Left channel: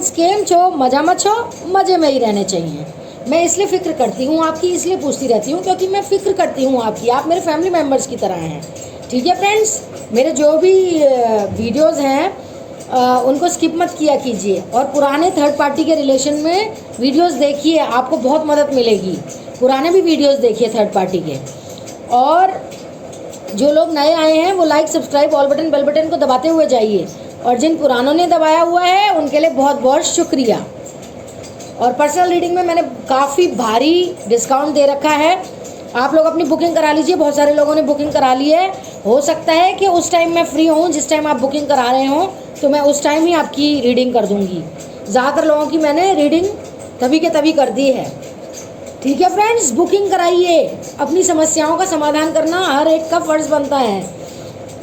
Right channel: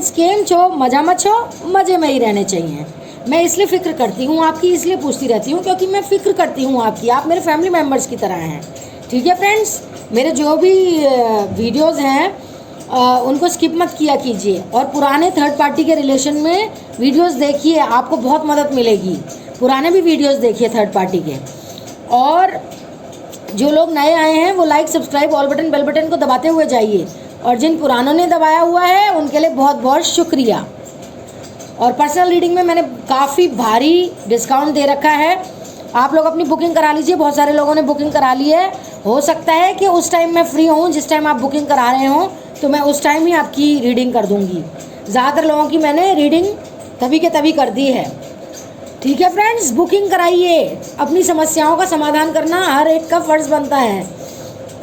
Friends, केम छो, मजा मत छो, मज़े में ही रहने चाहिए। मैं इसलिए फ़िक्र करती हूँ आपकी, इसलिए पूछती रहती हूँ क्योंकि मैं फ़िक्र करती हूँ आपकी। आप मेरे फैमिली मेम्बर्स की तरह हैं, ठीक है फ्रेंड्स। मेरे जो भी वीडियोस हैं उनको स्किप मत किया कीजिए और पुराने थर्ड पार्टी के रिलेशन में वीडियोस देखिए, आपको बहुत मदद मिलेगी। पुराने भी वीडियोस देखिए थर्ड पार्टी के। और जो लोग नए आए हैं वो like, subscribe, all button, bell button को दबाते हुए जाइए। और जिन पुरानों ने दबाया हुआ है उनके लिए बहुत बहुत शुक्रिया। और पर्सनल रीडिंग में मैंने काफ़ी भारी डिस्काउंट दे रखा है, आप लोग अपनी बुकिंग करा लीजिए। बहुत सारे लोगों ने बुकिंग करा ली है। हो सकता है कि उस टाइम मैं फ्री हूँ, जिस टाइम आप बुकिंग करा रहे हों, तो मैं उस टाइम ही आपकी रीडिंग कर दूँगी। ज़्यादातर लोगों की मैंने रीडिंग तभी के तभी कर दी है, ठीक है फ्रेंड्स। बुकिंग कराइए, अपनी समस्याओं का समाधान करना हर एक का फ़र्ज़ बनता है।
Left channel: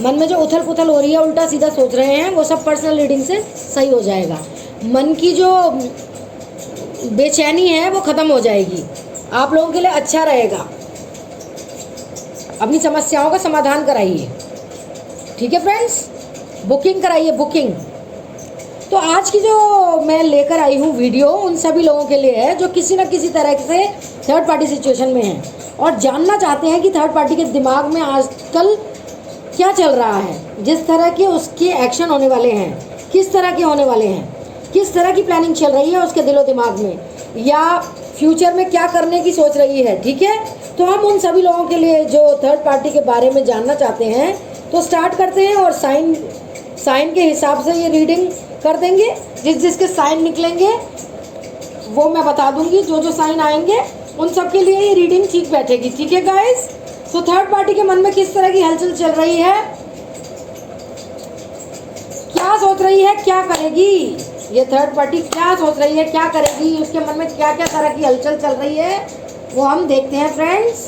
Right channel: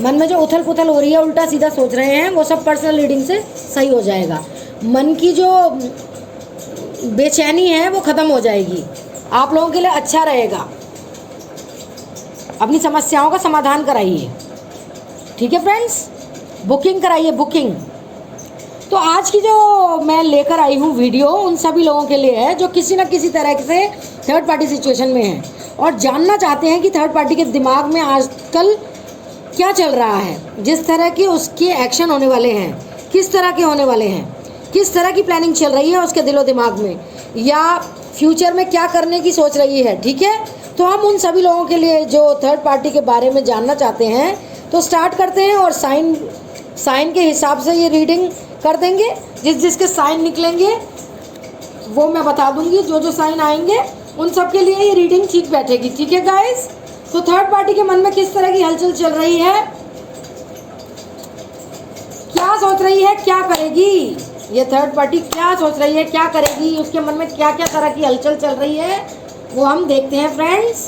मन में जो उथल पुथल हो रही है, उल्टा सीधा सोच रहे हैं, वो सब पर्सनल रीडिंग से सही हो जाएगा। मन की जो बेचैनी है वो ख़त्म हो जाएगी, आप लोगों के लिए अच्छा रहेगा। अपनी समस्याओं का समाधान कराइए, ठीक है फ्रेंड्स। बुकिंग कराइए, बुकिंग। तो आज की जो मैं लेकर आई हूँ वीडियो उन सभी लोगों के लिए है जो किसी न किसी तरह से थर्ड पार्टी सिचुएशन में हैं और जानना चाहते हैं कि थर्ड पार्टी के दिमाग में आजकल क्या चल रहा है, जिस तरह के उसके एक्शन होने वाले हैं, किस तरह के होने वाले हैं, किस तरह की प्लानिंग चल रही है उसके दिलो दिमाग में, या फ्यूचर में क्या करने की सोच रही है, ठीक है। तो हम उन सभी लोगों के लिए जो थर्ड पार्टी के बारे में जानना चाहते हैं तो स्टार्ट करते हैं। और साइन के हिसाब से ये रीडिंग कर देंगे। जिसके साइन निकलेंगे वो मैं बता दूंगी। जो साइन आएंगे उन सब के लिए ये रीडिंग ठीक बैठेगी, ठीक है गाइस। तो थर्ड पार्टी के मन में किस तरह की हलचल चल रही है, क्या सोच रही है, क्या करेगी ये थर्ड पार्टी, क्या सोच रही है, क्या करेगी, उसके मन में क्या क्या तरह की हलचल चल रही है, वो हम देखते हैं फ्रेंड्स।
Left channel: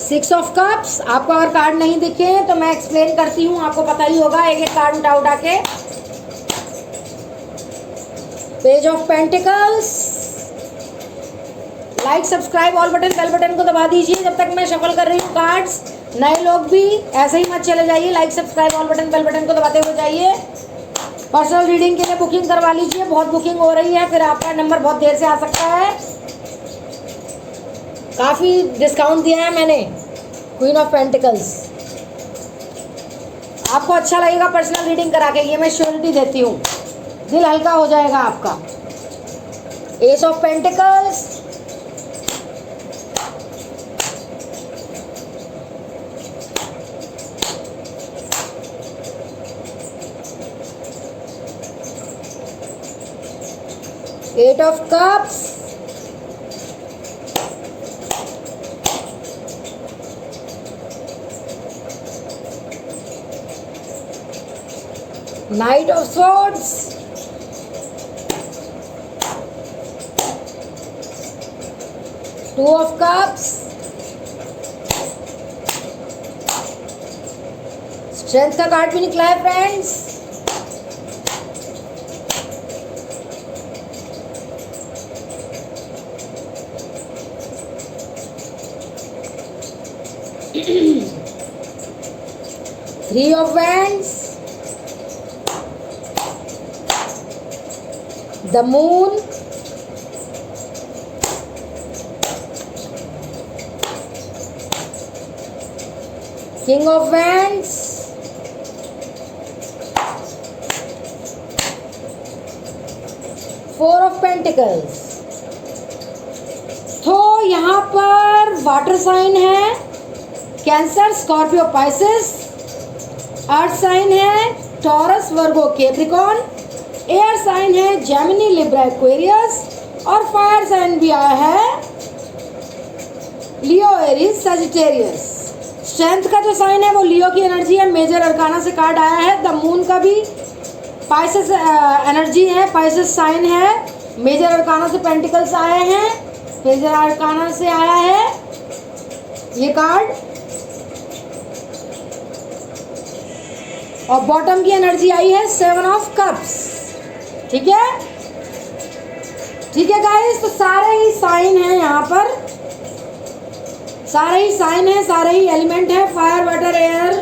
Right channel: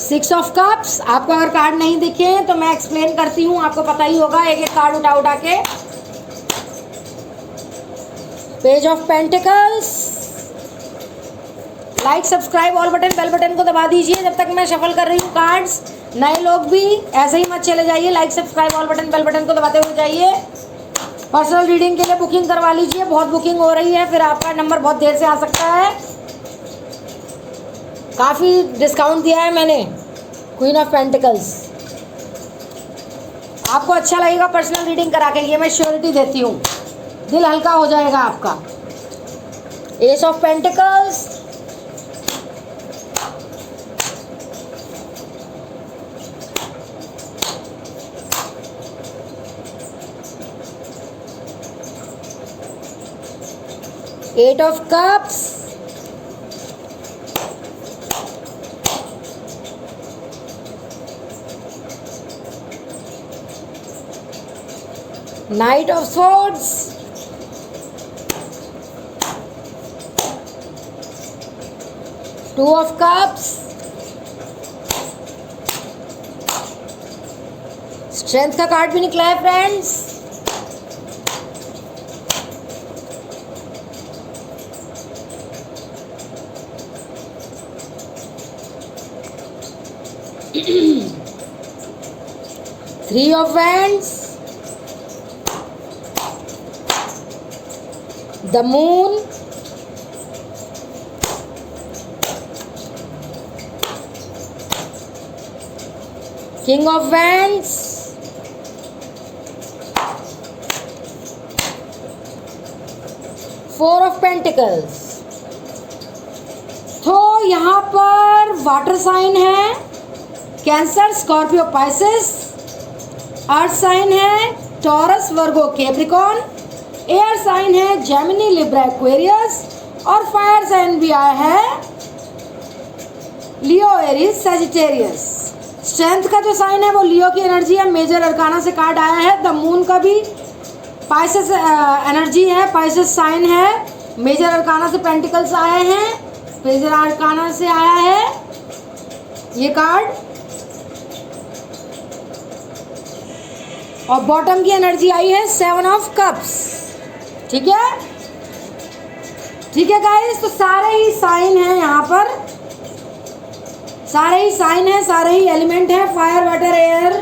6 of cups. आपको अगर कार्ड नहीं दिखे तो मैं एक्सप्लेन करती हूँ, आपको पता ही होगा एक एक कार्ड उठा के। Page of pentacles. Like, subscribe, all button, bell button को दबा दीजिए जब तक मैं शफल कर रही हूँ कार्ड्स। नए लोग भी ऐसे ही मत चले जाइए, like, subscribe, all button, bell button को दबाते हुए जाइए। पर्सनल रीडिंग के लिए बुकिंग करवा लीजिए, बहुत बुकिंग हो रही है, फिर आपका नंबर बहुत देर से आ सकता है। काफ़ी डिस्काउंट दिया है मैंने। Queen of pentacles. आपको अच्छा लगेगा पर्सनल रीडिंग करा के, ये मैं श्योरिटी देती हूँ, दिल हल्का हो जाएगा आपका। Ace of pentacles. Eight of cups. Knight of swords. Two of cups. Strength का कार्ड भी निकला है friends. Three of wands. The moon. King of wands. Four of pentacles. तो यहाँ पर वाटर साइन है Cancer, Scorpio, Pisces. Earth sign है Taurus, Virgo, Capricorn. Air sign है जेमिनी, लिब्रा, एक्वेरियस। और फायर साइन भी आया है लियो, एरीज, सजिटेरियस। स्ट्रेंथ का जो साइन है वो लियो की एनर्जी है, मेजर अरकाना से कार्ड आया है। द मून का भी पाइसेस एनर्जी है, पाइसेस साइन है। मेजर अरकाना से पेंटिकल्स आए हैं, मेजर अरकाना से आया है ये कार्ड। और बॉटम की एनर्जी आई है 7 ऑफ कप्स, ठीक है, ठीक है गाइस। तो सारे ही साइन हैं यहाँ पर, सारे ही साइन है, सारे ही एलिमेंट है, फायर, वाटर, एयर,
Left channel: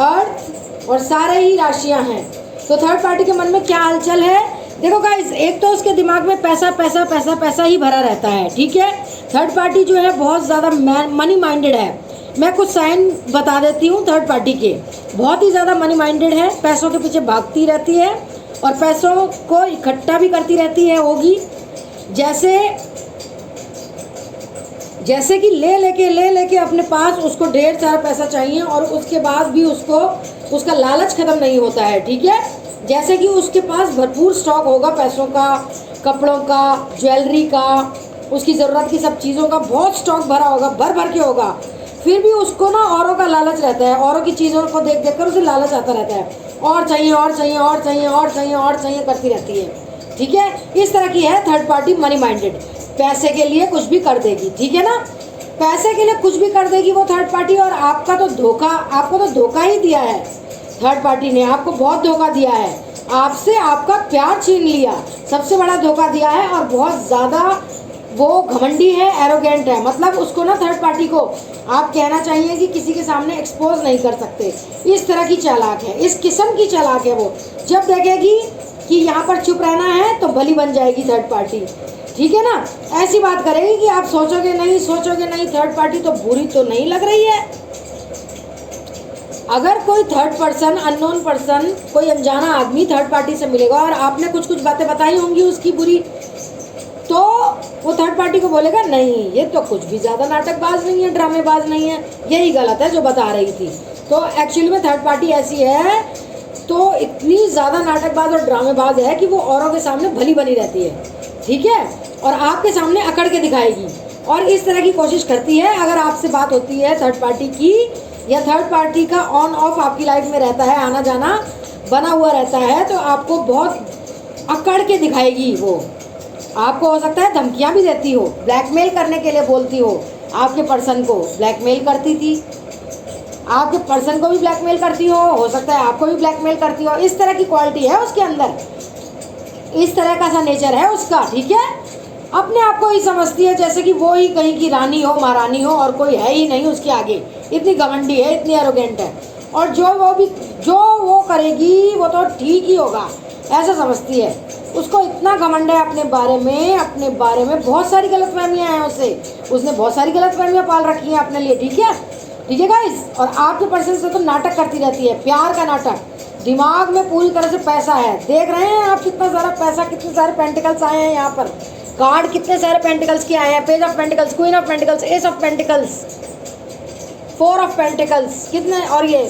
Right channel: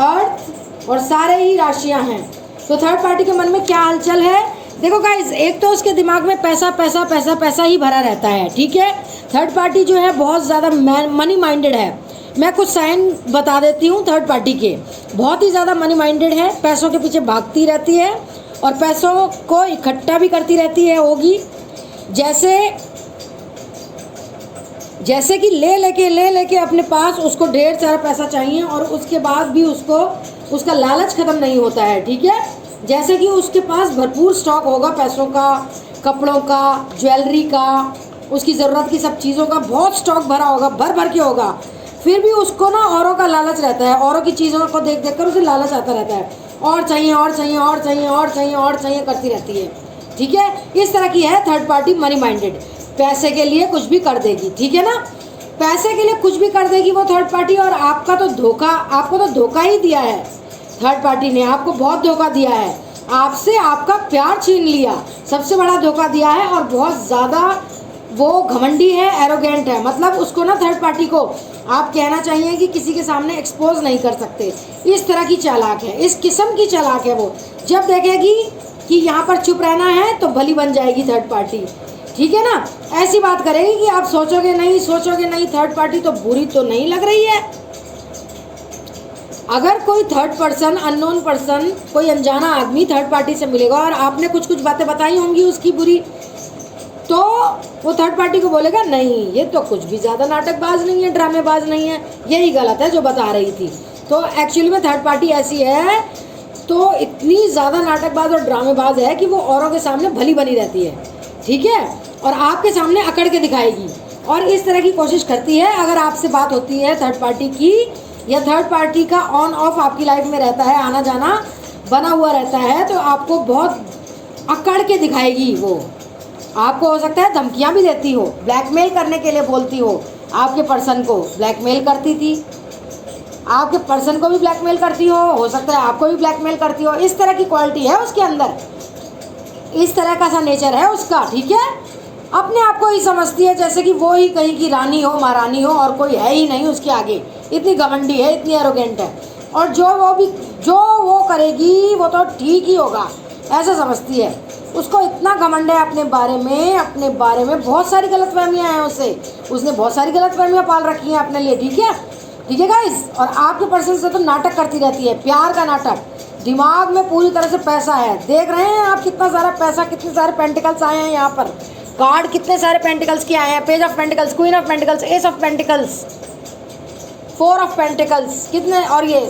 अर्थ, और सारे ही राशियां हैं। तो थर्ड पार्टी के मन में क्या हलचल है? देखो गाइस, एक तो उसके दिमाग में पैसा पैसा पैसा पैसा ही भरा रहता है, ठीक है। थर्ड पार्टी जो है बहुत ज़्यादा मनी माइंडेड है। मैं कुछ साइन बता देती हूँ थर्ड पार्टी के। बहुत ही ज़्यादा मनी माइंडेड है, पैसों के पीछे भागती रहती है और पैसों को इकट्ठा भी करती रहती है होगी। जैसे कि ले लेके अपने पास उसको ढेर सारा पैसा चाहिए और उसके बाद भी उसको उसका लालच खत्म नहीं होता है, ठीक है। जैसे कि उसके पास भरपूर स्टॉक होगा पैसों का, कपड़ों का, ज्वेलरी का, उसकी ज़रूरत की सब चीज़ों का बहुत स्टॉक भरा होगा, भर के होगा। फिर भी उसको ना औरों का लालच रहता है, औरों की चीज़ों को देख कर उसे लालच आता रहता है, और चाहिए और चाहिए और चाहिए और चाहिए और चाहिए करती रहती है, ठीक है। इस तरह की है थर्ड पार्टी मनी माइंडेड। पैसे के लिए कुछ भी कर देगी, ठीक है ना। पैसे के लिए कुछ भी कर देगी वो थर्ड पार्टी। और आपको तो धोखा ही दिया है थर्ड पार्टी ने, आपको बहुत धोखा दिया है। आपसे आपका प्यार छीन लिया, सबसे बड़ा धोखा दिया है। और बहुत ज़्यादा वो घमंडी है, एरोगेंट है। मतलब उसको ना थर्ड पार्टी को आप कहना चाहिए कि किसी के सामने एक्सपोज नहीं कर सकते। इस तरह की चालाक है, इस किस्म की चालाक है वो। जब देखेगी कि यहाँ पर चुप रहना है तो भली बन जाएगी थर्ड पार्टी, ठीक है ना। ऐसी बात करेगी कि आप सोचोगे नहीं थर्ड पार्टी तो बुरी तो नहीं लग रही है। अगर कोई थर्ड पर्सन, अननोन पर्सन, कोई अनजाना आदमी थर्ड पार्टी से मिलेगा और आपने कुछ बातें बताई होंगी उसकी बुरी, तो वो थर्ड पार्टी को बोलेगा नहीं ये तो कुछ भी ज़्यादा नाटकबाज नहीं है, ड्रामेबाज नहीं है, यही गलत है जो बता रही थी। तो एक्चुअली में थर्ड पार्टी ऐसी है, तो इतनी ज़्यादा नाटकबाज और ड्रामेबाज है कि वो औरों के सामने भली बनी रहती है, ठीक है, और आपके सामने अकड़ के दिखाएगी। और इस तरह की कोशिश करती है। अगर आपसे बात होती है थर्ड पार्टी की, या थर्ड पार्टी का ऑन ऑफ आपकी लाइफ में रहता है, आना जाना बना हुआ रहता है, तो आपको बहुत अकड़ के दिखाएगी वो। आपको हो सकता है धमकियां भी देती हो, ब्लैकमेल करने के लिए बोलती हो। आपके पर्सन को ब्लैकमेल करती थी, आपके पर्सन को भी ब्लैकमेल करती हो सकता है आपको भी ब्लैकमेल करती हो। इस तरह की क्वालिटी है उसके अंदर, इस तरह का सा नेचर है उसका, ठीक है। अपने आप को ही समझती है जैसे कि वो ही कहीं की रानी हो, महारानी हो, और कोई है ही नहीं उसके आगे। इतनी घमंडी है, इतनी एरोगेंट है। और जो वो करेगी वो तो ठीक ही होगा, ऐसा समझती है। उसको इतना घमंड है अपने बारे में बहुत सारी गलतफहमियां हैं उसने बहुत सारी गलतफहमियां पाल रखी हैं अपने लिए, ठीक है गाइस। और आपके पर्सन से तो नाटक करती रहती है, प्यार का नाटक। दिमाग में पूरी तरह से पैसा है। देख रहे हैं आप कितना सारा पैसा, कितने सारे पेंटिकल्स आए हैं यहाँ पर, कार्ड कितने सारे पेंटिकल्स के आए हैं, page of pentacles, queen of pentacles, S of pentacles, four of pentacles, कितने, और ये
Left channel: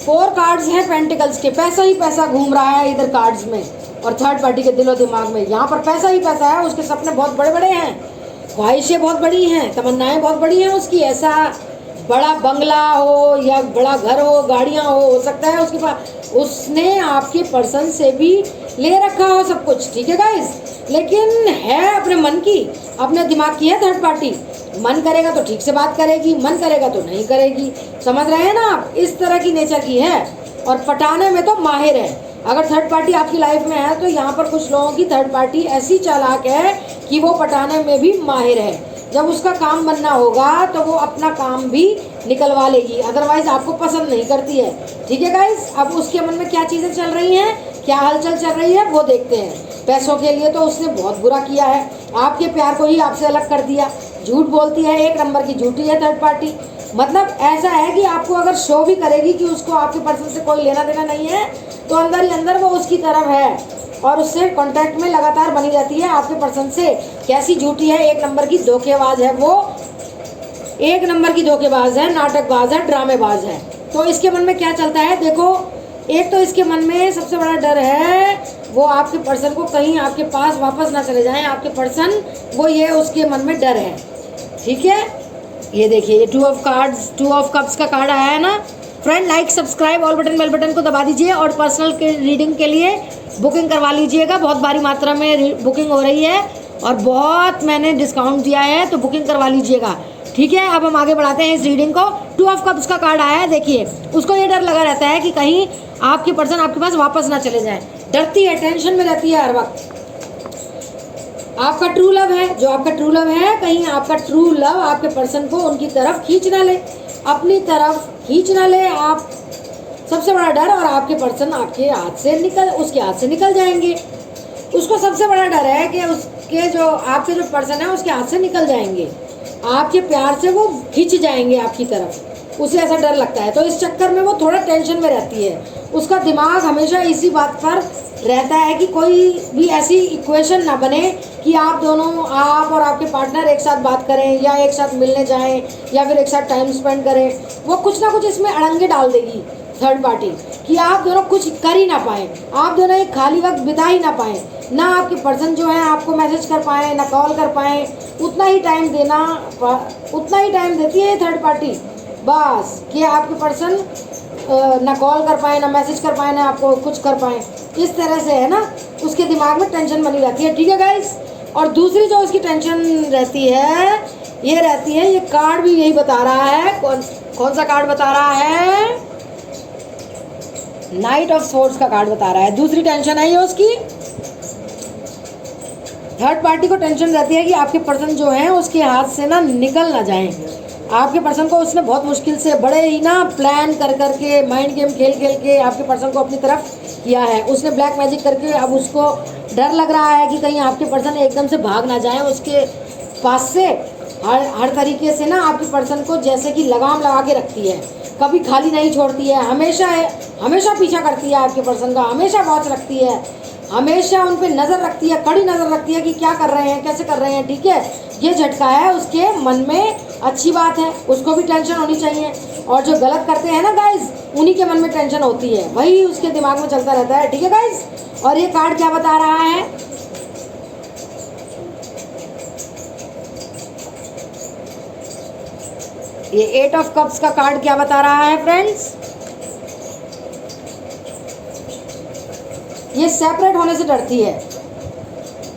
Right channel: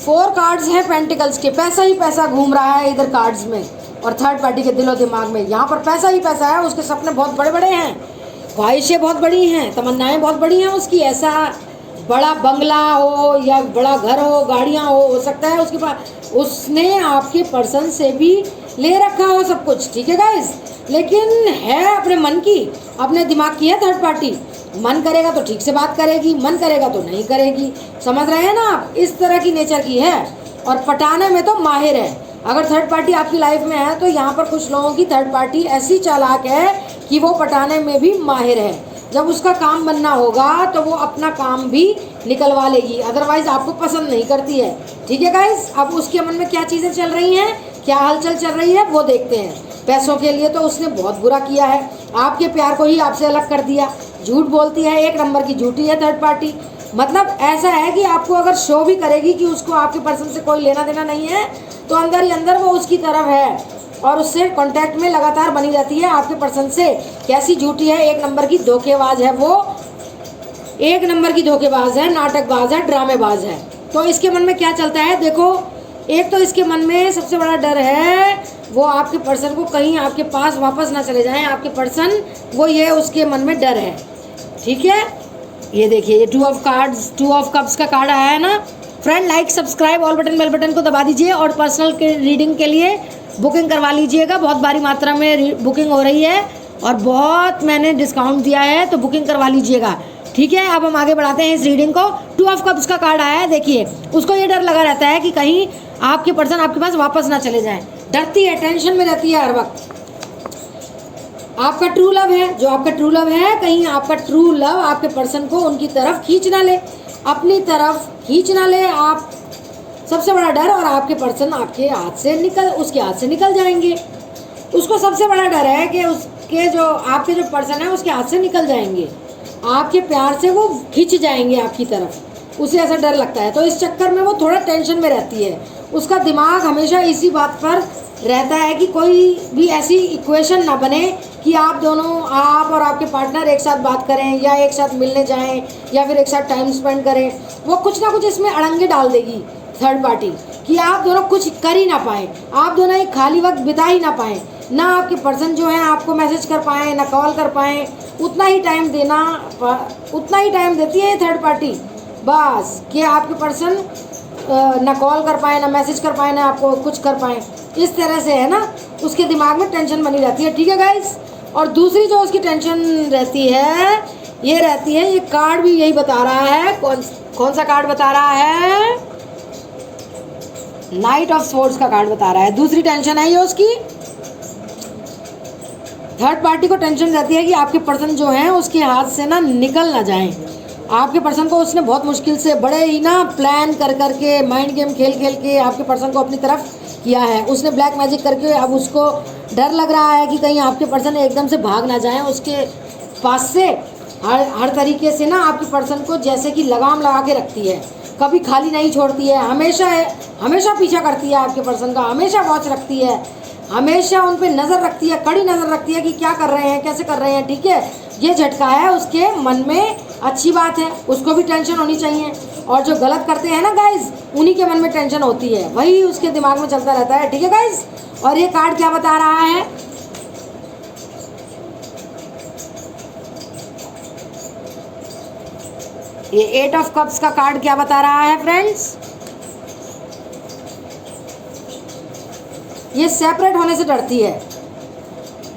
4 कार्ड्स हैं पेंटिकल्स के। पैसा ही पैसा घूम रहा है इधर कार्ड्स में और थर्ड पार्टी के दिलो दिमाग में। यहाँ पर पैसा ही पैसा है। उसके सपने बहुत बड़े बड़े हैं, ख्वाहिशें बहुत बड़ी हैं, तमन्नाएं बहुत बड़ी हैं उसकी। ऐसा बड़ा बंगला हो या बड़ा घर हो, गाड़ियाँ हो सकता है उसके पास। उसने आपके पर्सन से भी ले रखा हो सब कुछ, ठीक है गाइस। लेकिन है अपने मन की, अपने दिमाग की है थर्ड पार्टी। मन करेगा तो ठीक से बात करेगी, मन करेगा तो नहीं करेगी। समझ रहे हैं ना आप? इस तरह की नेचर की है और पटाने में तो माहिर है। अगर थर्ड पार्टी आपकी लाइफ में है तो यहाँ पर कुछ लोगों की थर्ड पार्टी ऐसी चालाक है कि वो पटाने में भी माहिर है। जब उसका काम बनना होगा तो वो अपना काम भी निकलवा लेगी, अदरवाइज आपको पसंद नहीं करती है, ठीक है गाइस। अब उसके मन में क्या चीज़ें चल रही हैं, क्या हलचल चल रही है वो देखते हैं। पैसों के लिए तो उसने बहुत बुरा किया है, आपके प्यार को ही आपसे अलग कर दिया। झूठ बोलती है, 1 नंबर की झूठी है थर्ड पार्टी। मतलब ऐसा है कि आपको अगर शो भी करेगी कि उसको आपके पर्सन से कोई लेना देना नहीं है, तो अंदर ही अंदर वो उसकी तरफ है और उससे कांटेक्ट में लगातार बनी रहती है आपके पर्सन से। कैसी झूठी है, 1 नंबर की धोखेबाज है वो, 1 नंबर की धोखेबाज है, नाटकबाज है, ड्रामेबाज है। तो इसके मन में क्या चलता है देखो, एक तो इसके मन में सबसे बड़ा डर है वो आपके पर्सन को कहीं आपके पास वापस ना चले जाएं आपके पर्सन, वो ये उसके मन में डर है, ठीक है। ये देखिए ये 2 ऑफ कार्ड्स, 2 ऑफ कप्स का कार्ड आया है ना friend. Like, subscribe, all button, bell button को दबा दीजिए और पर्सनल के रीडिंग के लिए बुकिंग करवा लीजिएगा। बहुत भारी मात्रा में बुकिंग हो रही है और बहुत मैंने डिस्काउंट दिया है, तो बुकिंग करवा लीजिएगा, ठीक है। अब हम आगे बढ़ाते हैं इस रीडिंग को। 2 ऑफ कप्स का कार्ड आया है, देखिए उसको ये डर लगा रहता है कि कहीं आपके पर्सन आपके पास वापस ना चले जाएं। डरती है, टेंशन में रहती है हर वक्त। आपका ट्रू लव है, जो आपका ट्रू लव है, कहीं आपका ट्रू लव आपके पर्सन को उनकी तरफ खींच ना ले, अपनी तरफ खींच ना ले। आप सबसे बड़ा डर, और आपके पर्सन आपके हाथ से निकल, उसके हाथ से निकल जाएंगे। उसको सबसे बड़ा डर है कि उसके जो आपके जो पर्सन है उसके हाथ से निकल जाएंगे, आपके प्यार से वो खिंच जाएंगे आपकी तरफ, उसे ऐसा डर लगता है। तो इस चक्कर में वो थोड़ा टेंशन में रहती है, उसका दिमाग हमेशा इसी बात पर रहता है कि कोई भी ऐसी इक्वेशन ना बने कि आप दोनों, आप और आपके पार्टनर एक साथ बात करें या एक साथ मिलने जाएं या फिर एक साथ टाइम स्पेंड करें। वो कुछ ना कुछ इसमें अड़ंगे डाल देगी थर्ड पार्टी कि आप दोनों कुछ कर ही ना पाए, आप दोनों एक खाली वक्त बिता ही ना पाए, ना आपके पर्सन जो है आपको मैसेज कर पाए, ना कॉल कर पाए। उतना ही टाइम देती है थर्ड पार्टी बस कि आपके पर्सन ना कॉल कर पाए, ना मैसेज कर पाए, ना आपको कुछ कर पाए। इस तरह से है ना, उसके दिमाग में टेंशन बनी रहती है। ठीक है गाइस। और दूसरी जो उसकी टेंशन रहती है, ये कार्ड भी यही बता रहा है। कौन सा कार्ड बता रहा है? नाइट ऑफ स्वॉर्ड्स का कार्ड बता रहा है। दूसरी टेंशन है ये उसकी, थर्ड पार्टी को टेंशन रहती है कि आपके पर्सन जो है उसके हाथ से ना निकल ना जाए। आपके पर्सन को उसने बहुत मुश्किल से बड़े ही ना प्लान कर करके, माइंड गेम खेल खेल के आपके पर्सन को अपनी तरफ किया है। उसने ब्लैक मैजिक करके, अब उसको डर लग रहा है कि कहीं आपके पर्सन एकदम से भाग ना जाए उसके पास से। हर तरीके से ना आपके पर्सन को जैसे कि लगाम लगा के रखती है, कभी खाली नहीं छोड़ती है, हमेशा पीछा करती है आपके पर्सन का, हमेशा वॉच रखती है, हमेशा उन पे नज़र रखती है, कड़ी नज़र रखती है कि क्या कर रहे हैं, कैसे कर रहे हैं। ठीक है, ये झटका है उसके मन में, अच्छी बात है, उसको भी टेंशन होनी चाहिए। और जो गलत करते हैं ना गाइज, उन्हीं के मन में टेंशन होती है, वही उसके दिमाग में चलता रहता है। ठीक है गाइज। और ये कार्ड क्या बता रहा है? ये 8 ऑफ कप्स का कार्ड क्या बता रहा है फ्रेंड्स? ये सेपरेट होने से डरती है।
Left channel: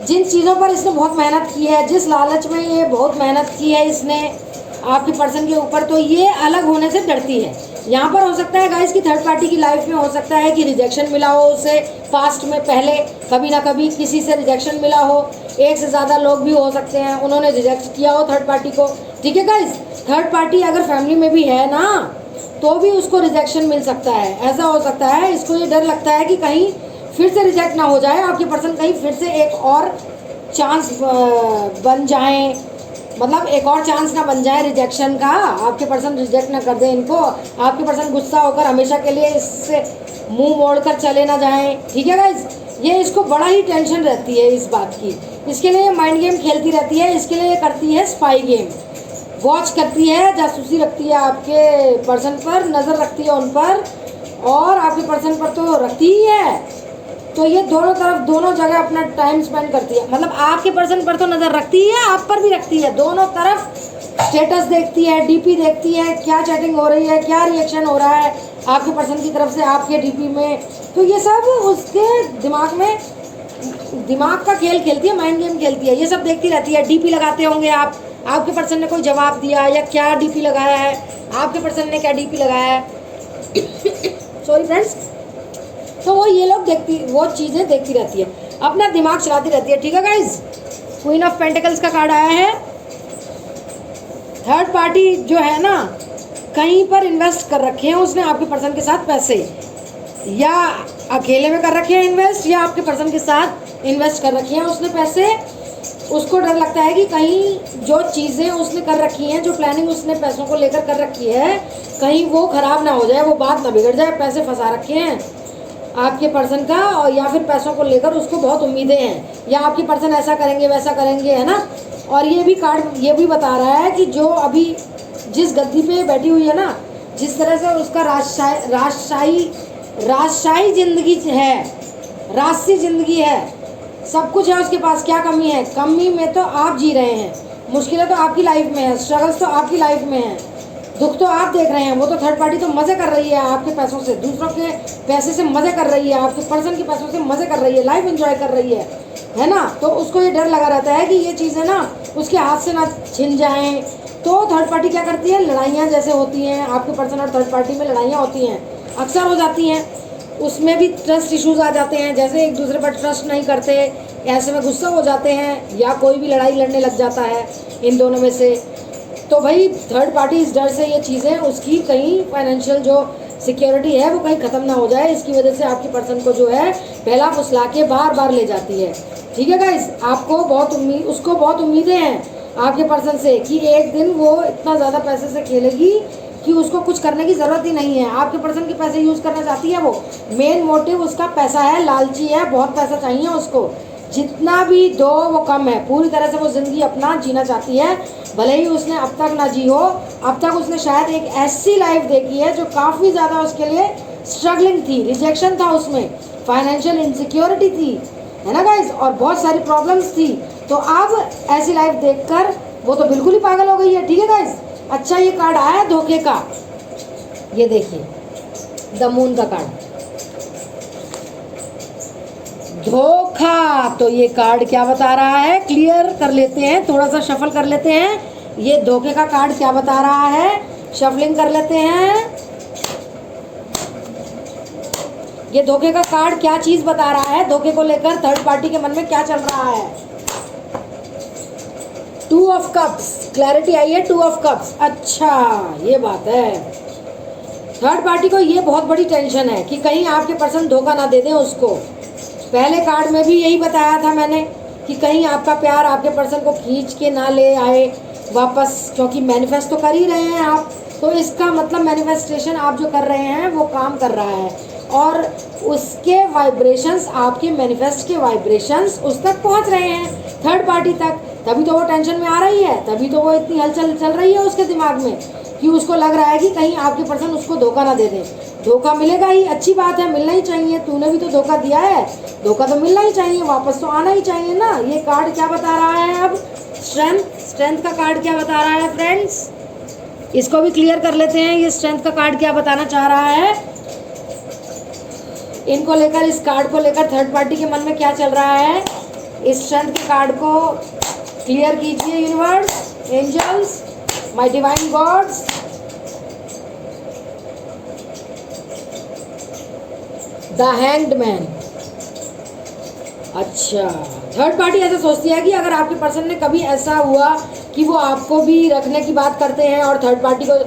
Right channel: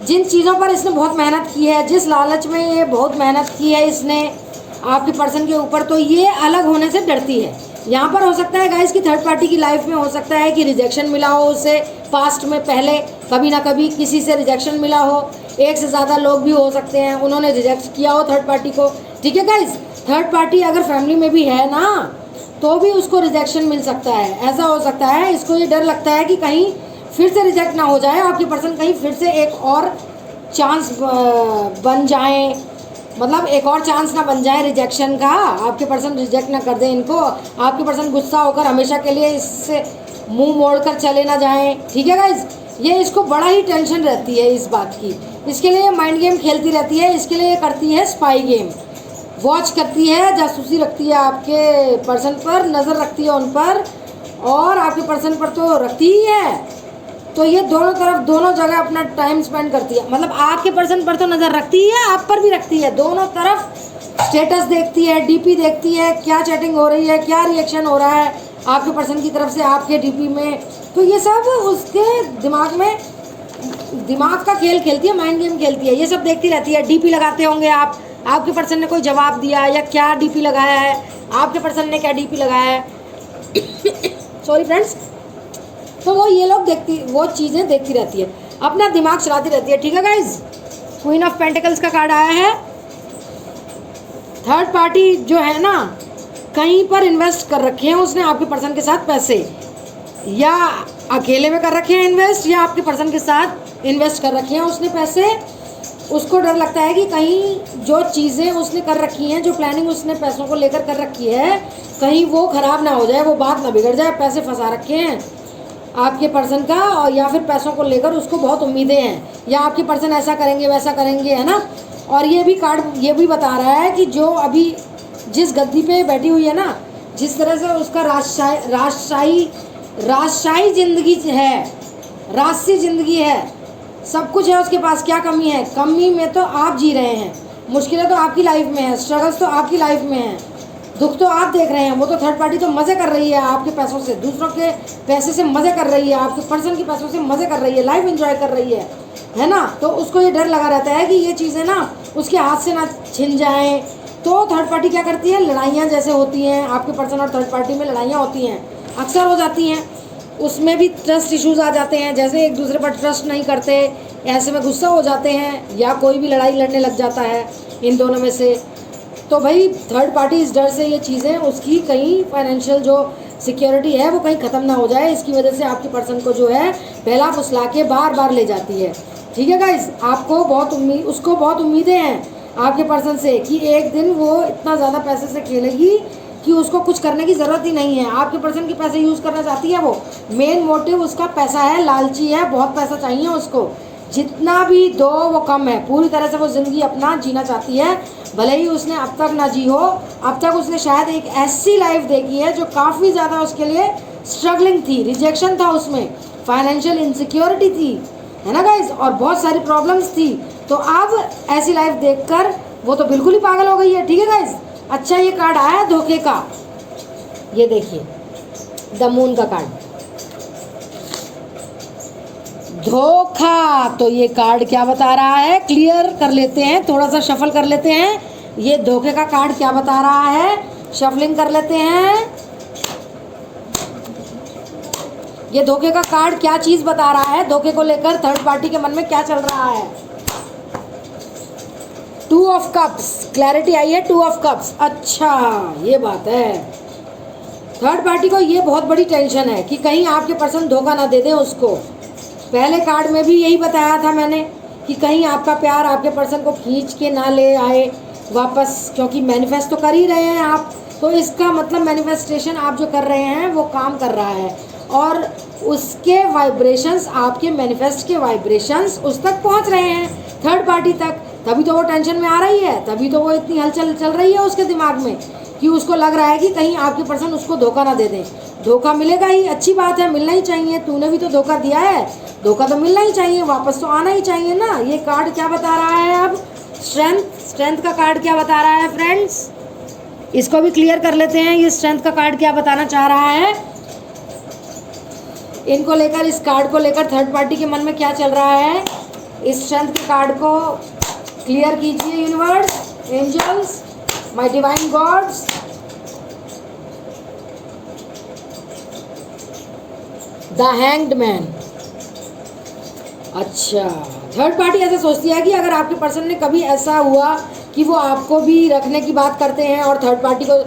जिन चीज़ों पर इसने बहुत मेहनत की है, जिस लालच में ये बहुत मेहनत की है इसने आपके पर्सन के ऊपर, तो ये अलग होने से डरती है। यहाँ पर हो सकता है गाइस कि थर्ड पार्टी की लाइफ में हो सकता है कि रिजेक्शन मिला हो उसे पास्ट में, पहले कभी ना कभी किसी से रिजेक्शन मिला हो। एक से ज़्यादा लोग भी हो सकते हैं, उन्होंने रिजेक्ट किया हो थर्ड पार्टी को। ठीक है गाइस। थर्ड पार्टी अगर फैमिली में भी है ना, तो भी उसको रिजेक्शन मिल सकता है। ऐसा हो सकता है, इसको ये डर लगता है कि कहीं फिर से रिजेक्ट ना हो जाए आपके पर्सन, कहीं फिर से एक और चांस बन जाए, मतलब एक और चांस ना बन जाए रिजेक्शन का, आपके पर्सन रिजेक्ट ना कर दे इनको, आपके पर्सन गुस्सा होकर हमेशा के लिए इससे मुंह मोड़कर चले ना जाए। ठीक है गाइज। ये इसको बड़ा ही टेंशन रहती है इस बात की, इसके लिए माइंड गेम खेलती रहती है, इसके लिए करती है स्पाई गेम, वॉच करती है, जासूसी रखती है आपके पर्सन पर, नज़र रखती है उन पर, और आपके पर्सन पर तो रखती ही है। तो ये दोनों तरफ, दोनों जगह अपना टाइम स्पेंड करती है, मतलब आपके पर्सन पर तो नज़र रखती है, आप पर भी रखती है, दोनों तरफ स्टेटस देखती है, डीपी देखती है, क्या चैटिंग हो रही है, क्या रिएक्शन हो रहा है आपके पर्सन की तरफ से आपके डीपी में। तो ये सब उसके दिमाग में, दिमाग का खेल खेलती है, माइंड गेम खेलती है, ये सब देखती रहती है। डीपी लगाते होंगे आप, आपके पर्सन ने कोई जवाब दिया या क्या डीपी लगाया है, आपके पर्सन ने क्या डीपी लगाया है सॉरी फ्रेंड्स। तो वो ये लोग वो चीज़ें देखती रहती है, अपना दिमाग चलाती रहती है। ठीक है गाइज। क्वीन ऑफ पेंटिकल्स का कार्ड आया है। थर्ड पार्टी जो है ना, कहीं पर इन्वेस्ट कर रखे हैं उसने आपके पर्सन के साथ पैसे, या अकेले में कर रखे हैं इन्वेस्ट, या आपके पर्सन के साथ इन्वेस्ट कर रखे हैं उसने पैसे। उसको डर लगता है कि कहीं जो चीज़ें उसने कर रखी हैं, जो प्लानिंग उसने पैसों को लेकर कर रखी है, कहीं वो ख़राब ना हो जाए, वो बात ना बिगड़ जाए। पैसे फंसा रखे हैं आपके पर्सन का, और या फिर पैसों को लेकर उसको बहुत उम्मीदें हैं, या आपके पर्सन ऐसा करेंगे वैसा करेंगे, है ना। और ये भी कार्ड ये भी बता रहा है कि जो अभी जिस गद्दी पे बैठी हुई है ना, जिस तरह से उसका राजशाही जिंदगी है, राजसी जिंदगी है, सब कुछ है उसके पास, क्या कमी है? कमी में तो आप जी रहे हैं, मुश्किलें तो आपकी लाइफ में है, स्ट्रगल्स तो आपकी लाइफ में है, दुख तो आप देख रहे हैं। वो तो थर्ड पार्टी तो मज़े कर रही है आपके पैसों से, दूसरों के पैसे से मज़े कर रही है, आपके पर्सन के पैसों से मज़े कर रही है, लाइफ एंजॉय कर रही है ना। तो उसको ये डर लगा रहता है कि ये चीज़ें ना उसके हाथ से ना छिन जाएं। तो थर्ड पार्टी क्या करती है, लड़ाइयाँ जैसे होती हैं आपके पर्सन और थर्ड पार्टी में, लड़ाइयाँ होती हैं, अक्सर हो जाती हैं, उसमें भी ट्रस्ट इश्यूज आ जाते हैं, जैसे एक दूसरे पर ट्रस्ट नहीं करते, ऐसे में गुस्सा हो जाते हैं या कोई भी लड़ाई लड़ने लग जाता है इन दोनों में से। तो भाई थर्ड पार्टी इस डर से ये चीज़ें उसकी कहीं फाइनेंशियल जो सिक्योरिटी है वो कहीं ख़त्म ना हो जाए, इसकी वजह से आपकी पर्सन को जो है पहला फुसला के बार बार ले जाती है। ठीक है गाइस, आपको उसको बहुत उम्मीदें हैं आपके पर्सन से कि एक दिन वो इतना ज़्यादा पैसे से खेलेगी कि उसको कुछ करने की ज़रूरत ही नहीं है। आपके पर्सन के पैसे यूज़ करना चाहती है वो, मेन मोटिव उसका पैसा है, लालची है, बहुत पैसा चाहिए उसको, जितना भी दो वो कम है। पूरी तरह से वो ज़िंदगी अपना जीना चाहती है, भले ही उसने अब तक ना जी हो। अब तक उसने शायद एक ऐसी लाइफ देखी है जो काफ़ी ज़्यादा उसके लिए स्ट्रगलिंग थी, रिजेक्शन था उसमें, फाइनेंशियल इनसिक्योरिटी थी, है ना गाइज, और बहुत सारी प्रॉब्लम्स थी। तो अब ऐसी लाइफ देखकर वो तो बिल्कुल ही पागल हो गई है। ठीक है गाइज। अच्छा, ये कार्ड आया धोखे का, ये देखिए द मून का कार्ड, धोखा। तो ये कार्ड क्या बता रहा है, क्लियर कर लेते हैं, थोड़ा सा शफल कर लेते हैं। ये धोखे का कार्ड क्या बता रहा है, शफलिंग कर लेते हैं। ये धोखे का कार्ड क्या चीज बता रहा है, धोखे को लेकर थर्ड पार्टी के मन में क्या चल रहा है। टू ऑफ कप्स, क्लैरिटी आई है, टू ऑफ कप्स। अच्छा, ये बात है, थर्ड पार्टी को ये बहुत बड़ी टेंशन है कि कहीं आपके पर्सन धोखा ना दे दे उसको। पहले कार्ड में भी यही बताया था मैंने कि कहीं आपका प्यार आपके पर्सन को खींच के ना ले आए वापस, क्योंकि मैनिफेस्ट तो कर ही रहे हैं आप, तो इसका मतलब मैनिफेस्टेशन आप जो कर रहे हैं वो काम कर रहा है और उसके वाइब्रेशंस, आपके मैनिफेस्ट के वाइब्रेशंस उस तक पहुंच रहे हैं, थर्ड पार्टी तक। तभी तो वो टेंशन में आ रही है, तभी तो वो इतनी हलचल चल रही है उसके दिमाग में कि उसको लग रहा है कि कहीं आपके पर्सन उसको धोखा ना दे दे। धोखा मिलेगा ही, अच्छी बात है, मिलना ही चाहिए, तूने भी तो धोखा दिया है, धोखा तो मिलना ही चाहिए, वापस तो आना ही चाहिए ना। ये कार्ड क्या बता रहा है अब, स्ट्रेंथ, स्ट्रेंथ का कार्ड क्या बता रहा है फ्रेंड्स, इसको भी क्लियर कर लेते हैं। ये स्ट्रेंथ का कार्ड क्या बताना चाह रहा है, इनको लेकर, इस कार्ड को लेकर थर्ड पार्टी के मन में क्या चल रहा है। इस स्ट्रेंथ के कार्ड को क्लियर कीजिए universe, angels, my divine gods. The hanged man. अच्छा, थर्ड पार्टी ऐसा सोचती है कि अगर आपके पर्सन ने कभी ऐसा हुआ कि वो आपको भी रखने की बात करते हैं और थर्ड पार्टी को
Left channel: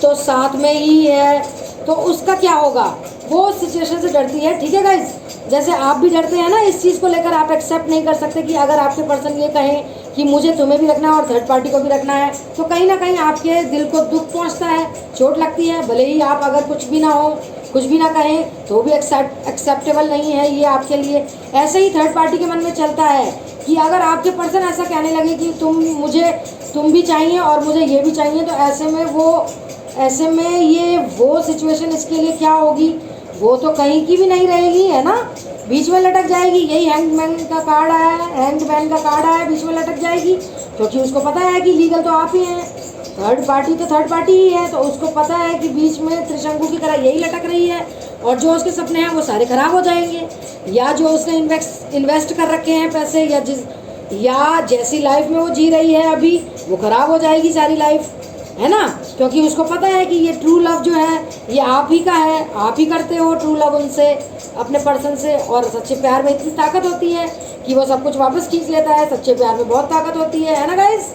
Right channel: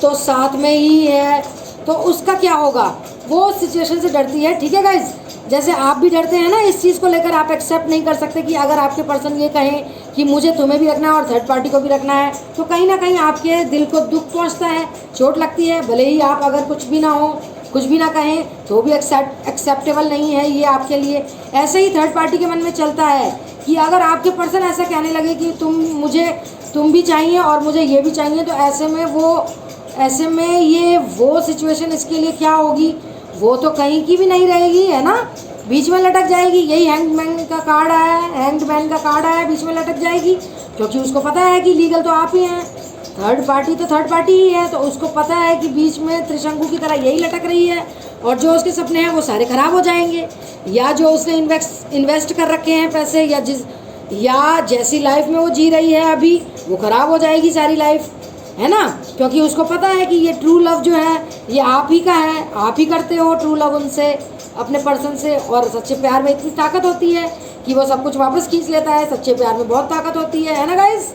तो साथ में ही है, तो उसका क्या होगा, वो सिचुएशन से डरती है। ठीक है गाइज, जैसे आप भी डरते हैं ना, इस चीज़ को लेकर आप एक्सेप्ट नहीं कर सकते कि अगर आपके पर्सन ये कहें कि मुझे तुम्हें भी रखना है और थर्ड पार्टी को भी रखना है, तो कहीं ना कहीं आपके दिल को दुख पहुंचता है, चोट लगती है। भले ही आप अगर कुछ भी ना हो, कुछ भी ना कहें, तो भी एक्सेप्टेबल नहीं है ये आपके लिए। ऐसे ही थर्ड पार्टी के मन में चलता है कि अगर आपके पर्सन ऐसा कहने लगे कि तुम भी चाहिए और मुझे ये भी चाहिए, तो ऐसे में ये वो सिचुएशन इसके लिए क्या होगी, वो तो कहीं की भी नहीं रहेगी, है ना, बीच में लटक जाएगी। यही हैंगमैन का कार्ड आया है, हैंगमैन का कार्ड आया है, बीच में लटक जाएगी, क्योंकि उसको पता है कि लीगल तो आप ही हैं, थर्ड पार्टी तो थर्ड पार्टी ही है, तो उसको पता है कि बीच में त्रिशंकु की तरह यही लटक रही है और जो उसके सपने हैं वो सारे खराब हो जाएंगे, या जो उसने इन्वेस्ट कर रखे हैं पैसे, या जैसी लाइफ में वो जी रही है अभी वो खराब हो जाएगी सारी लाइफ, है ना, क्योंकि उसको पता है कि ये ट्रू लव जो है ये आप ही का है, आप ही करते हो ट्रू लव उनसे, अपने पर्सन से। और सच्चे प्यार में इतनी ताकत होती है कि वो सब कुछ वापस खींच लेता है, सच्चे प्यार में बहुत ताकत होती है ना गाइस।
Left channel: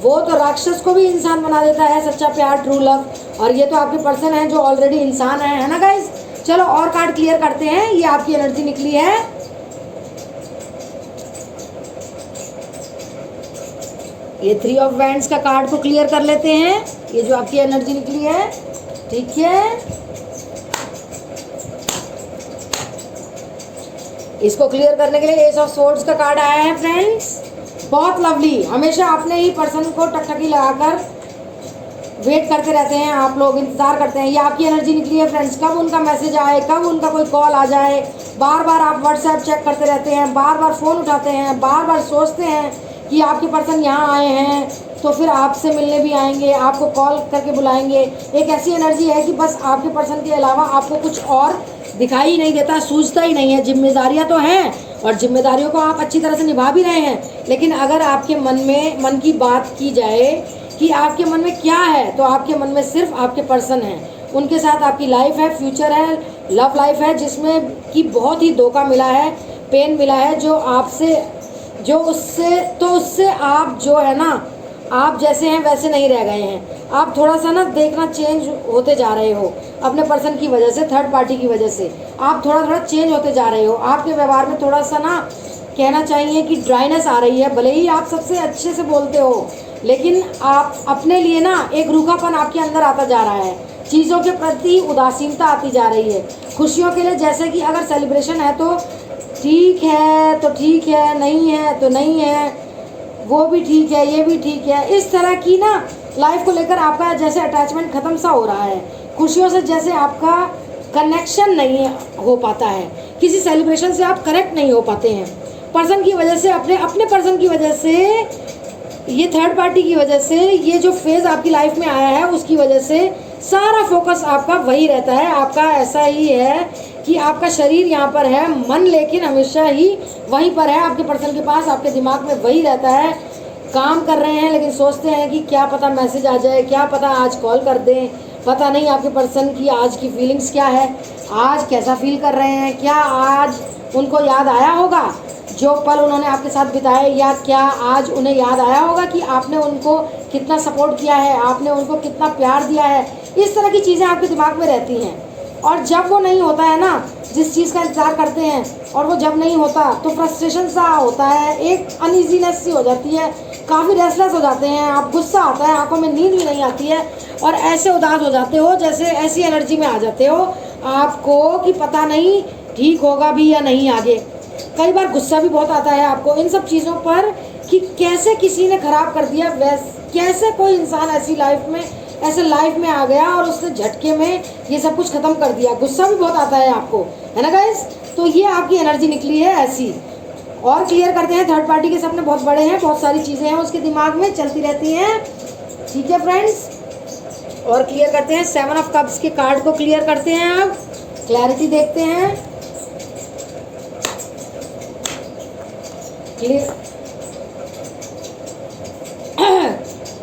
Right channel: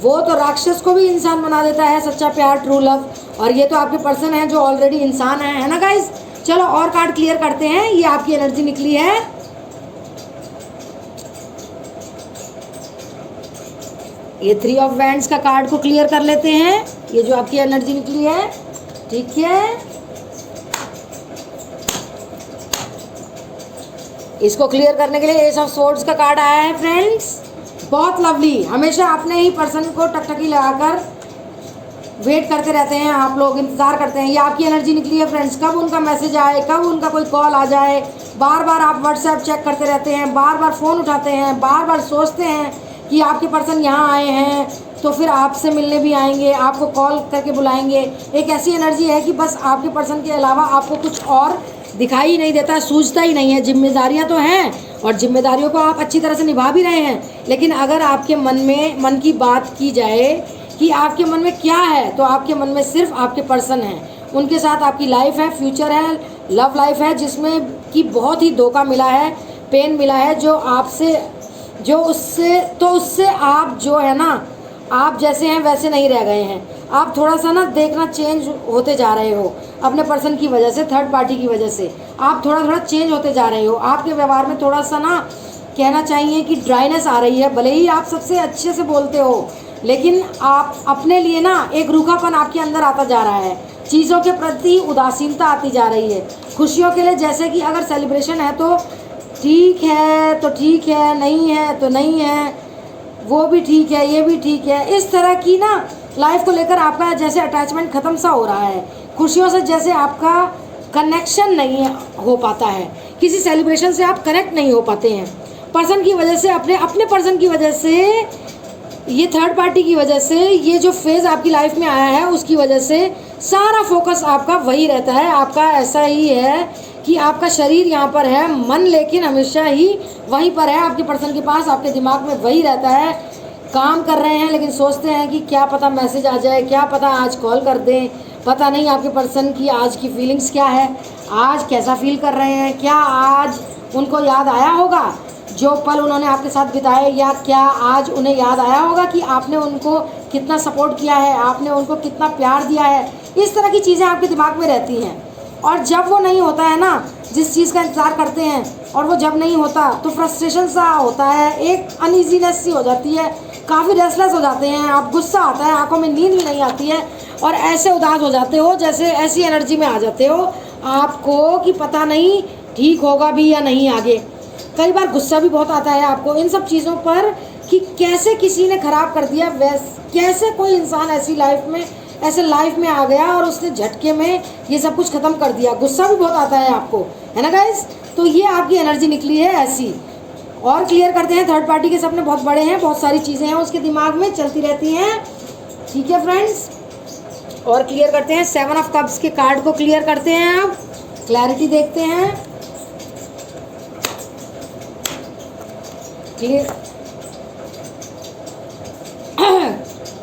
वो तो राक्षस को भी इंसान बना देता है सच्चा प्यार, ट्रू लव, और ये तो आपके पर्सन है जो ऑलरेडी इंसान है ना गाइस। चलो और कार्ड क्लियर करते हैं, ये आपकी एनर्जी निकली है, ये थ्री ऑफ वैंड्स का कार्ड को क्लियर कर लेते हैं, ये जो आपकी एनर्जी निकली है, ठीक है। इसको क्लियर करने के लिए एस ऑफ सोर्ड्स का कार्ड आया है फ्रेंड्स, बहुत लवली। हमेशा अपने ही पर्सन को टकटकी लगाकर वेट करते रहते हैं आप लोग, इंतजार करते हैं। ये आपकी एनर्जी निकली है फ्रेंड्स, कब उनका मैसेज आए, कब उनका कोई कॉल आ जाए। बार बार आप व्हाट्सएप चेक करते रहते हैं, बार बार फ़ोन उठाते हैं, बार बार सोचते हैं कि आपके पर्सन यहाँ आए हैं तो फिर आपसे मिलने भी आएंगे, आपको कॉल करके बुलाएंगे। एक ऐसी एनर्जी है कि बस आपके पर्सन के अलावा आपको कुछ और दिखाई ही नहीं देता, सूझता ही नहीं है। जिम्मेदारियाँ तो हैं और जिम्मेदारियों को आप अच्छी तरह से निभा भी रहे हैं, लेकिन अगर आपके मन की बात की जाए कि आपके मन में क्या है, तो आपके मन में सिर्फ आपके पर्सन हैं, उनके साथ आपकी लाइफ है, फ्यूचर है, लव लाइफ है, जिसमें कि बहुत ही धोखा मिला है, पेन मिला है, जो आपसे जो उससे आप जो है ना, आप जैसे हैं वैसे नहीं रह गए हैं। आप थोड़ा सा ना देखना चेंज होते जा रहे हो अपने पर्सन की वजह से, थर्ड पार्टी की वजह से आप थोड़ा थोड़ा चेंज होते जा रहे हो। आपके व्यवहार में थोड़ा सा ना कहना चाहिए कि ड्राइनेस आ रही है। भले ही आप सबसे अच्छे से बोलते हो, लेकिन आप अपने लिए ना एक रूखापन आपके अंदर आता जा रहा है। चीज़ों के प्रति उदासीनता आती जा रही है। खुशियों के लिए जैसे कि अगर सेलिब्रेशन है तो ठीक है, तो ठीक है, नहीं है तो नहीं है, वो भी ठीक है, ये भी ठीक है। इस तरह की ना लाइफ को लेकर आपका जैसे अटैचमेंट खत्म सा हो रहा है। खुशियों से जैसे आपका कनेक्शन नहीं हो पाता है, किसी सेलिब्रेशन से आप कनेक्ट नहीं हो पाते हैं। पर्सन की वजह से, अपने पर्सन की वजह से, ये थर्ड पार्टी की वजह से, ये जो फेज आपकी लाइफ में आया है उसकी वजह से सारा फोकस आपका वही रहता है। आपका ऐसा ही है कि आपका शरीर यहाँ पर है, मन लेकिन हमेशा ही वहीं पर है, आपके पर्सन के पास, आपके दिमाग में वही रहता है। काम कर रहे हैं लेकिन सोचते हैं कि क्या पता मैसेज आ जाए, क्या पता आज कॉल कर दें, पता नहीं आपके पर्सन की आज की फीलिंग्स क्या है, आज कैसा फील कर रहे हैं, क्या आज उनको याद आया होगा जो पल उन्होंने आपके साथ बिताए, या क्या आज उन्हें याद आया होगा कि आपने उनको कितना सपोर्ट किया है, आपने उनको कितना प्यार दिया है। इस तरह की चीज़ें आपके दिमाग में रहती हैं। और जब वो नहीं होता है ना, जिस चीज़ का इंतजार करते हैं और वो जब नहीं होता तो फ्रस्ट्रेशन सा होता है, एक अनइजीनेस सी हो जाती है, काफ़ी रेस्टलेस हो जाते हैं आप, गुस्सा आता है, आंखों में नींद भी नहीं आती है और ऐसे उदास हो जाते हो जैसे ऐसी एनर्जी में आ जाते हो आपको कि पता नहीं ठीक होगा भी या नहीं आगे। कई बार गुस्सा भी बहुत आता है आपको इन सब चीज़ों पर कि कैसे किसी ने ख़राब कर दिया, कैसे कोई इंसान ऐसी लाइफ में आ गया और उसने झटके में ये सब कुछ ख़त्म कर दिया। गुस्सा भी बहुत आता है आपको, है ना गाइस। तो ये आपकी एनर्जी निकली है ऐसी। और क्लियर करते हैं, थर्ड पार्टी के सपने बहुत बड़े हैं, बहुत सारी चीज़ें हैं उसके दिमाग में चलती रहती हैं, ठीक है फ्रेंड्स। और क्लियर करते हैं, 7 ऑफ कप्स के कार्ड को क्लियर करते हैं, आप क्लैरिटी देखते हैं। क्लियर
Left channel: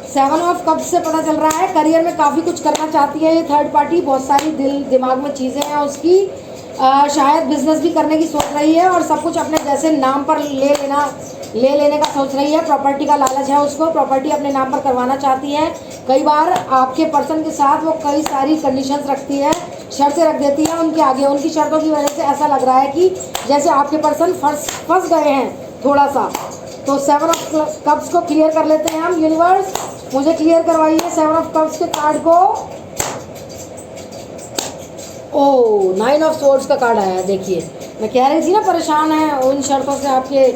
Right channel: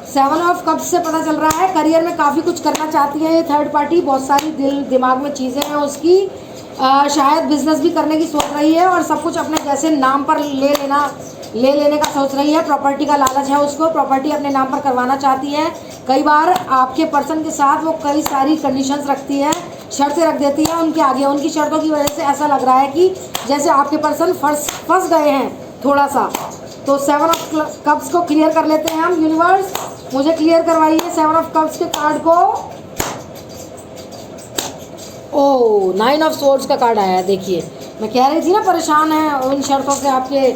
7 ऑफ कप्स से पता चल रहा है करियर में काफ़ी कुछ करना चाहती है ये थर्ड पार्टी, बहुत सारी दिमाग में चीज़ें हैं उसकी, शायद बिजनेस भी करने की सोच रही है और सब कुछ अपने जैसे नाम पर ले लेने का सोच रही है। प्रॉपर्टी का लालच है उसको, प्रॉपर्टी अपने नाम पर करवाना चाहती है। कई बार आपके पर्सन के साथ वो कई सारी कंडीशंस रखती है, शर्तें रख देती है उनके आगे। उनकी शर्तों की वजह से ऐसा लग रहा है कि जैसे आपके पर्सन फंस गए हैं थोड़ा सा। तो 7 ऑफ कप्स को क्लियर कर लेते हैं हम। यूनिवर्स मुझे क्लियर करवाइए 7 ऑफ कप्स के कार्ड को। ओ 9 ऑफ सोर्ड्स का कार्ड आया, देखिए मैं कह रही थी ना परेशान है उन शर्तों से आपके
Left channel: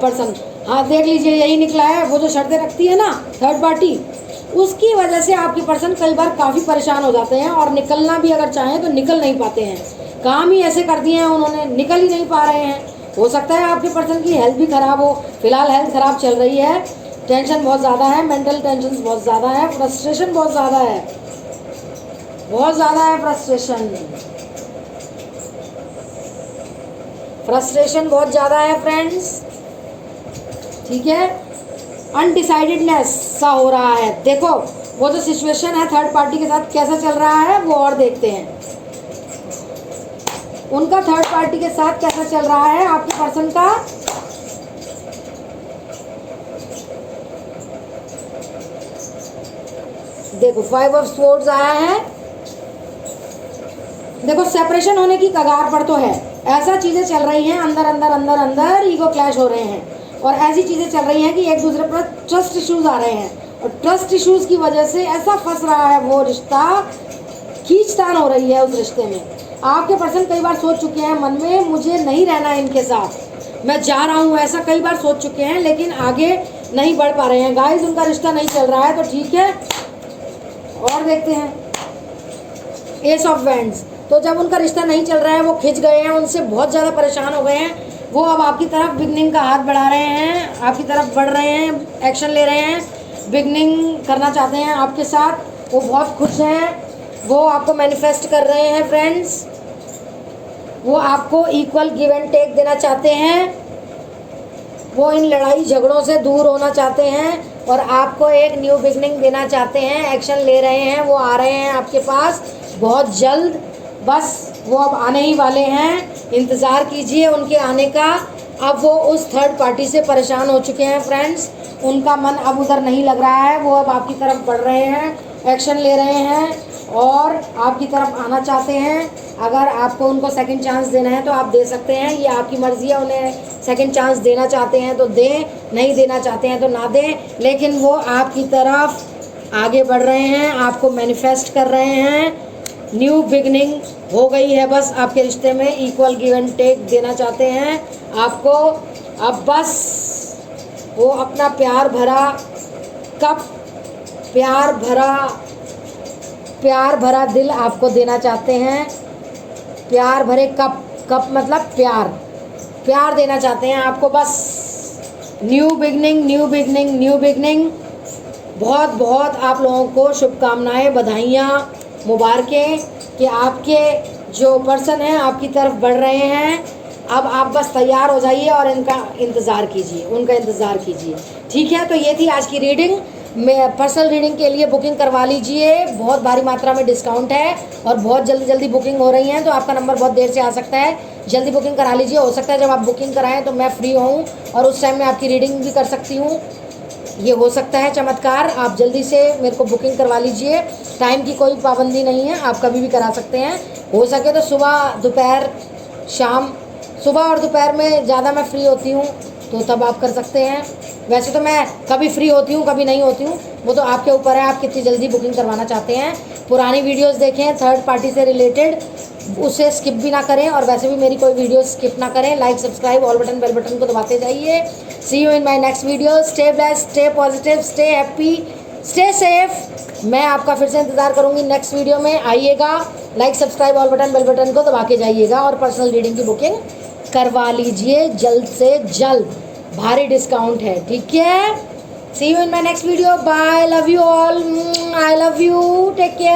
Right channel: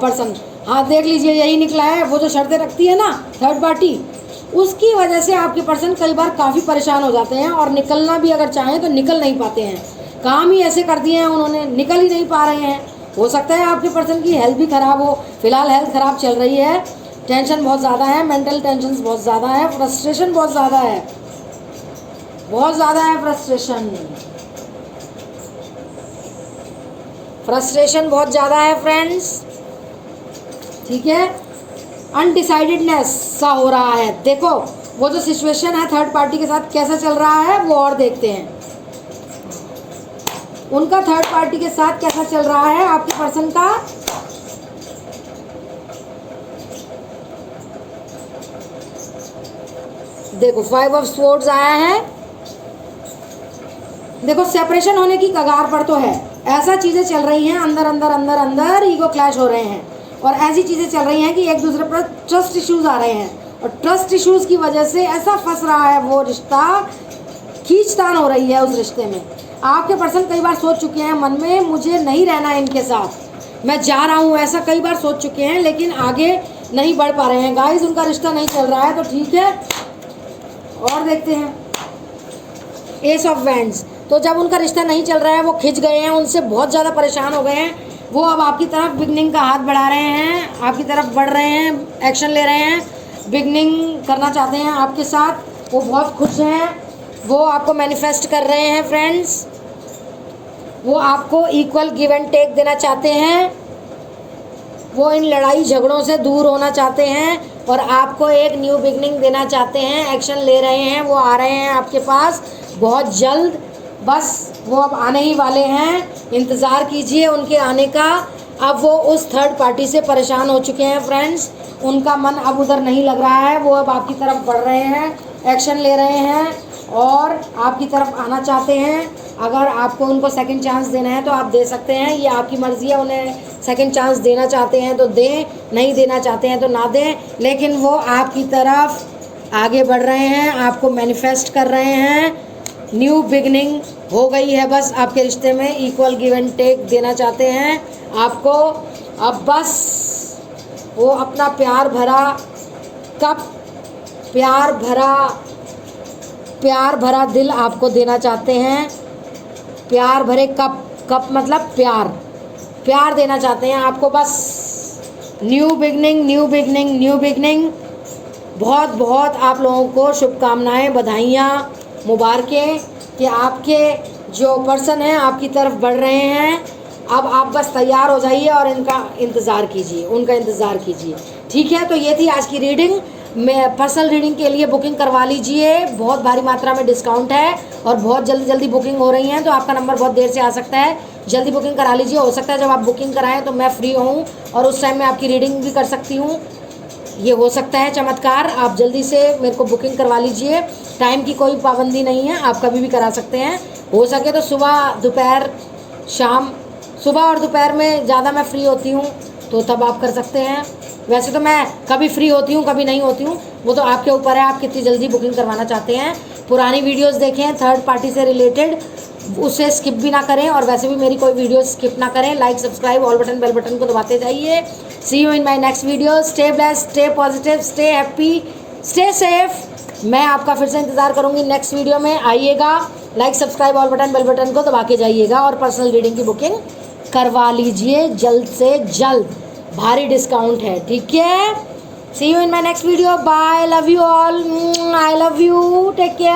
पर्सन। हाँ देख लीजिए यही निकला है, वो जो शर्तें रखती है ना थर्ड पार्टी, उसकी वजह से आपके पर्सन कई बार काफ़ी परेशान हो जाते हैं और निकलना भी अगर चाहें तो निकल नहीं पाते हैं। काम ही ऐसे कर दिए हैं उन्होंने, निकल ही नहीं पा रहे हैं। हो सकता है आपके पर्सन की हेल्थ भी ख़राब हो, फिलहाल हेल्थ ख़राब चल रही है, टेंशन बहुत ज़्यादा है, मेंटल टेंशन बहुत ज़्यादा है, फ्रस्ट्रेशन बहुत ज़्यादा है, बहुत ज़्यादा है फ्रस्ट्रेशन बहुत ज़्यादा है फ्रेंड्स, ठीक है। अनडिसाइडेडनेस सा हो रहा है। देखो वो जो सिचुएशन है थर्ड पार्टी के साथ कैसा चल रहा है वो और देखते हैं, उनका थर्ड पार्टी के साथ कैसा चल रहा है आपके पर्सन का। देखो 5 ऑफ स्वॉर्ड्स आया है। देखो सेपरेशन होने की कगार पर तो है, ऐसा चीजें चल रही हैं अंदर अंदर अंदर अंदर, ईगो क्लैश हो रहे हैं और ऐसी चीजें चल रही हैं कि एक दूसरे पर ट्रस्ट इश्यूज आ रहे हैं और ट्रस्ट इश्यूज की वजह से ऐसा फंस रहा है वो रिश्ता, खींचतान हो रही है उस रिश्ते में। आपके पर्सन कई बार सोच चुके हैं मन में मुझे नहीं रहना है इनके साथ, मैं जा रहा हूँ, ऐसा कई बार सोच चुके हैं लेकिन आगे नहीं बढ़ पा रहे हैं गाइस। उनका रिश्ता नहीं चल रहा है तो ठीक है। और देखते हैं एस ऑफ वैंड्स। तो जब उनका रिश्ता नहीं चल रहा है, वो खिंच गए हैं, उनसे बहुत ज़्यादा परेशान हो गए हैं, वो अब आपकी तरफ बिगनिंग का हाथ बढ़ा रहे हैं, आपकी तरफ बढ़ रहे हैं, एक्शन ले रहे हैं, बिगनिंग करना चाहते हैं आपके साथ। वो बहुत खुश हैं, वो आपको मैनिफेस्ट कर रहे हैं फ्रेंड्स, वो आपको इक्वल गिव एंड टेक देना चाहते हैं, वो इन लड़ाई झगड़ों से दूर होना चाहते हैं और आपको एक न्यू बिगनिंग देना चाहते हैं। एक्शन ले रहे हैं, वो आ रहे हैं आपके पास बहुत जल्द, बस वो अब आने ही वाले हैं। इंतज़ार कीजिए उनके आने का। अब वो उस थर्ड पार्टी से परेशान हो चुके हैं फ्रेंड्स, उनका मन अब उधर नहीं लग रहा है, वो अब आपकी तरफ बढ़ रहे हैं, एक्शन ले रहे हैं और आपकी तरफ आना चाहते हैं। अगर आपको उनको सेकंड चांस देना है तो आप दे सकते हैं, ये आपकी मर्ज़ी है। उन्हें सेकंड चांस देना चाहते हैं तो दें, नहीं देना चाहते हैं तो ना दें, लेकिन वो आपकी तरफ आगे बढ़ रहे हैं, आपको मैनिफेस्ट कर रहे हैं। न्यू बिगनिंग हो गई है बस आपके रिश्ते में, इक्वल गिव एंड टेक देना चाहते हैं आपको। अब बस वो अपना प्यार भरा कप, प्यार भरा दिल आपको देना चाहते हैं। प्यार भरे कप मतलब प्यार देना चाहते हैं आपको बस। New beginning. बहुत बहुत आप लोगों को शुभकामनाएं, बधाइयाँ, मुबारकें कि आपके जो पर्सन हैं आपकी तरफ बढ़ रहे हैं। अब आप बस तैयार हो जाइए और उनका इंतज़ार कीजिए। ठीक है, तो ये थी आज की रीडिंग। मैं पर्सनल रीडिंग के लिए बुकिंग करवा लीजिए, बहुत भारी मात्रा में डिस्काउंट है और बहुत जल्दी बुकिंग हो रही है, तो आपका नंबर बहुत देर से आ सकता है। जल्दी बुकिंग करा लीजिए, हो सकता है जब आप बुकिंग कराएं तो मैं फ्री हूँ और उस टाइम में आपकी रीडिंग भी कर सकती हूँ। ये हो सकता है चमत्कार। आप जल्दी से मेरे को बुकिंग करवा लीजिए, टाइम की कोई पाबंदी नहीं है, आप कभी भी करा सकते हैं। हो सके तो सुबह, दोपहर, शाम, सुबह और दोपहर में ज़्यादा मैं फ्री होती हूँ तो तब आप कर सकते हैं। वैसे तो मैं कभी फ्री होती हूँ कभी नहीं होती हूँ, वो तो आपके ऊपर है, आप कितनी जल्दी बुकिंग करवाना चाहते हैं। पुरानी वीडियोस देखें थर्ड पार्टी से रिलेटेड, उसे स्किप भी ना करें और वैसे भी मेरी कोई वीडियो स्किप ना करें। Like, subscribe, all button, bell button को दबाते जाइए। See you in my next video. Stay blessed, stay positive, stay happy, stay safe. मैं आपका फिर से इंतज़ार करूँगी नेक्स्ट वीडियो में। आइएगा, like, subscribe, all button, bell button को दबा के जाइएगा और पर्सनल रीडिंग की बुकिंग करवा लीजिए जल्द से जल्द, भारी डिस्काउंट है। ठीक है, see you in my next video. Bye, love you all, I love you, take care.